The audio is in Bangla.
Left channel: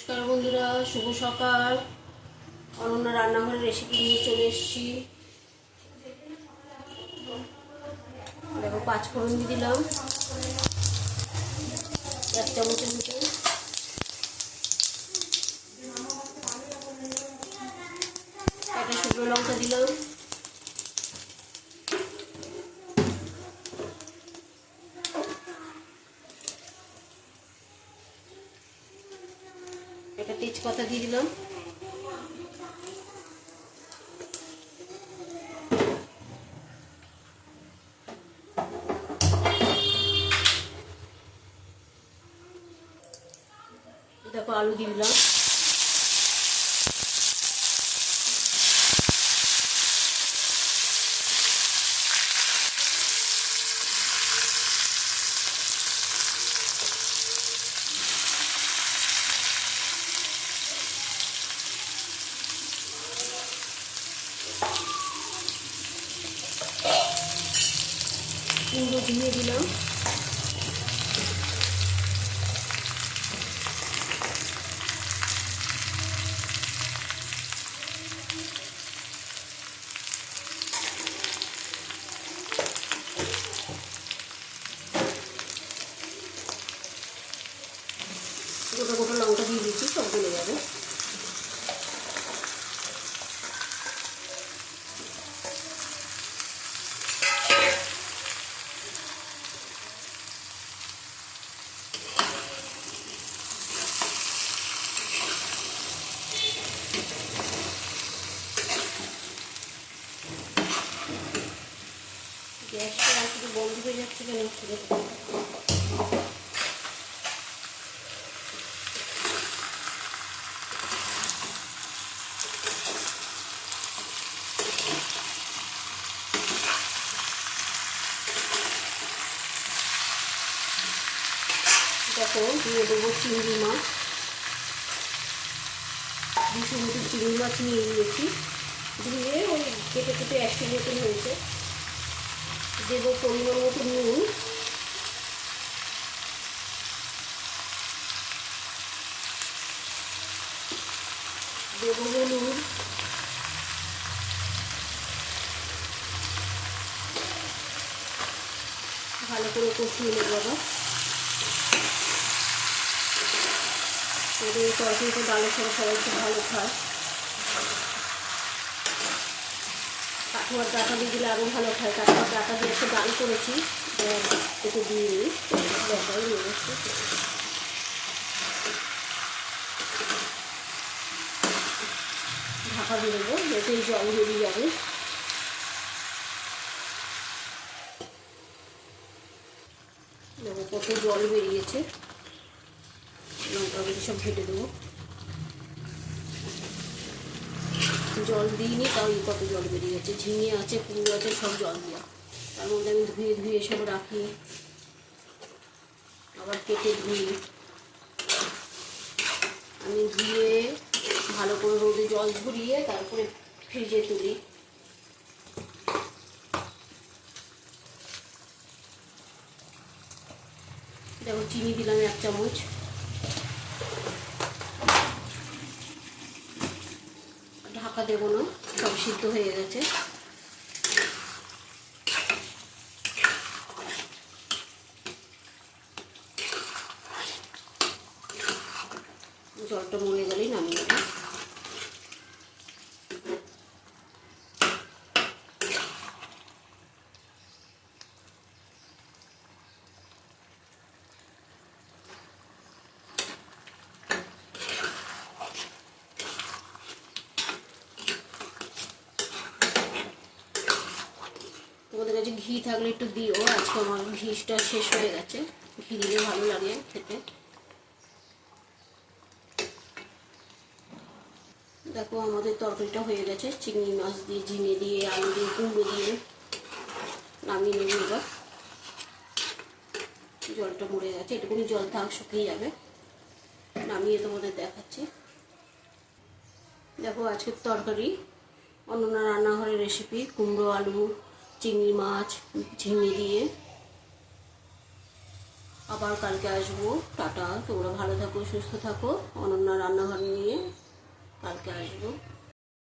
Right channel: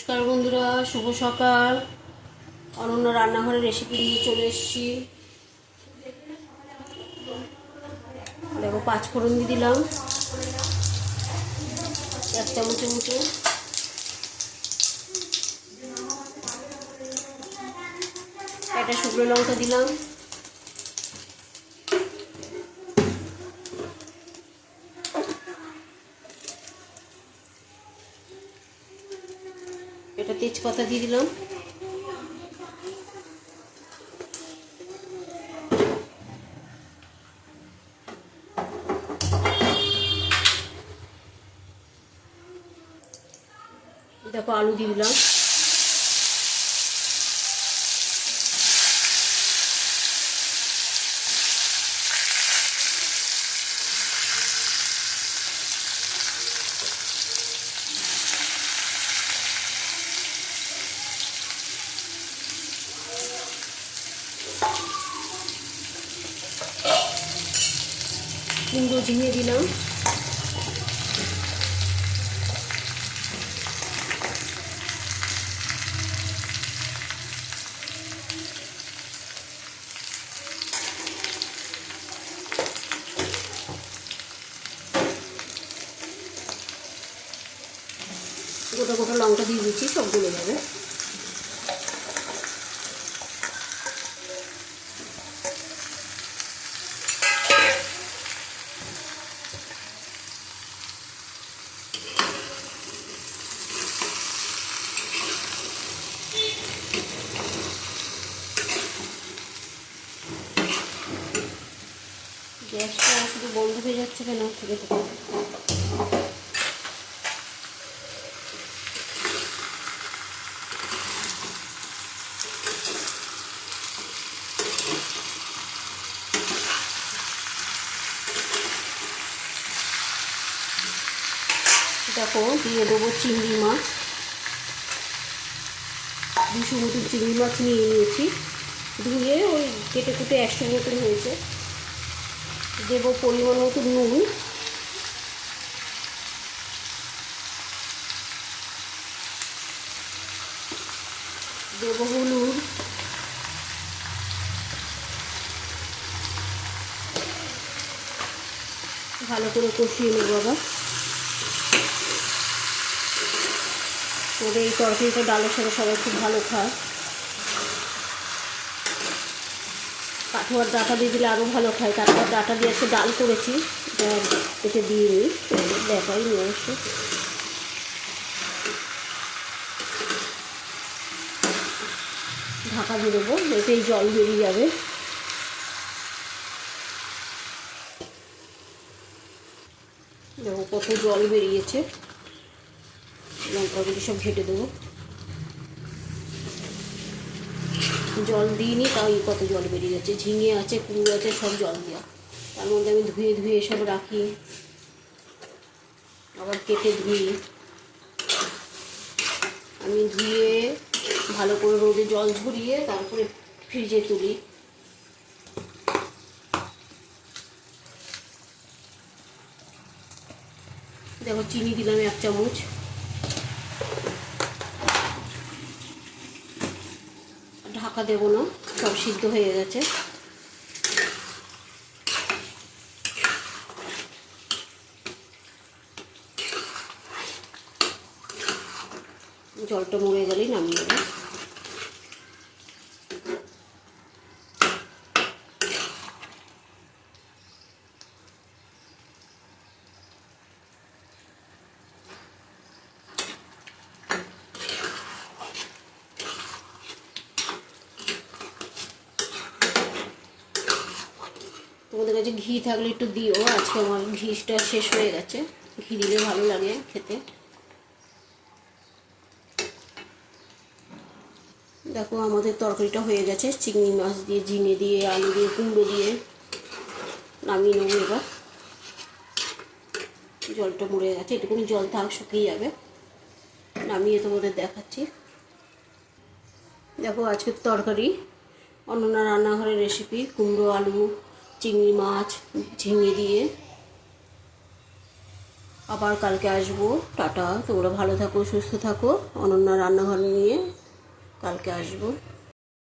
নমস্কার বন্ধুরা, শুভ সকাল। অনন্য রান্নাঘরের রেসিপি নিয়ে চলে এসেছি। দেখো, পাঁচ ফোড়ন দিয়ে দিলাম। এক চামচের মতো। একটা শুকনো লঙ্কা দিলাম। এটা তেজপাতা দিয়ে দিলাম। দেখো আলু দিয়ে দিলাম। কুমড়ো ঝিঙে দিলাম। গোটা গোটা লঙ্কা দিয়ে দিচ্ছি সব গলে যাবে। বন্ধ হয়ে যাচ্ছে কেন? দেখো দেখো, দিয়ে দেবো চিংড়ি মাছ। দুশো মতো চিংড়ি মাছ নিয়ে নিয়েছি। ধুয়ে ওই কেটে কেটে একশো মতন হয়েছে। দেবো পরিমাণ মতো নুন। দেবো হলুদ। ভালো করে কষিয়ে নেব আবার। তবে এই তরকারিটা ডালের সাথে সবাই খুব ভালো খায়। কাঠুয়ার ডাটা দিয়ে দিলে আরও ভালো খায় কাঠুয়ার ডাটা দিয়ে একটা ডাল করেছি। এতে দিয়ে নিই ব্যাপারই নিয়ে এসে। ঢাকা দিয়ে দেবো। এতেই জল বেরিয়ে যাবে। দেখো কত জল বেরিয়েছে। লঙ্কাগুলো সব ঘেটে দেবো। জল দিইনি তাও কত জল বেরিয়ে যাচ্ছে, ঝিঙে আছে কুমড়ো আছে, সব জল দেওয়া। তার মধ্যে আমি ধুয়ে ধুয়ে সব রাখি। আবার কেটে ধুই। আমি ধুয়ে ভালো করে রোদে জল ঝরিয়ে তারপরে ফ্রিজে তুলি। দেখো, চিনি দিলাম এক চামচ। ঢাকা দেব না সব সিদ্ধ হয়ে গেছে। জলটা মরে গেলেই নামিয়ে দেবো তোমাদের কাছে ঘি থাকলে একটু দিও, আজকে আমার ঘিটা শেষ হয়ে গেছে। ঘি দিলে ভালো লাগে খেতে। দেখো আমাদের তরকারিটা হয়ে গেছে। চিংড়ি মাছ দিয়ে, ঝিঙে দিয়ে, আলু দিয়ে, কুমড়ো দিয়ে নামিয়ে নেব এবার। জলটা মরে গেছে, এটুকুনি জল থাক, শুকিয়ে যাবে। নামিয়ে তোমাদের দেখাচ্ছি। দেখো আজকের তরকারি অন্যান্য রান্নাঘরের রেসিপি কুমড়ো, আলু চিংড়ি মাছ ঝিঙে দিয়ে। আবার কালকে আসব। টাটা। তোমরা ভালো থাকো, সুস্থ থাকো। অনন্য রান্নাঘর নিয়ে কালকে আসব।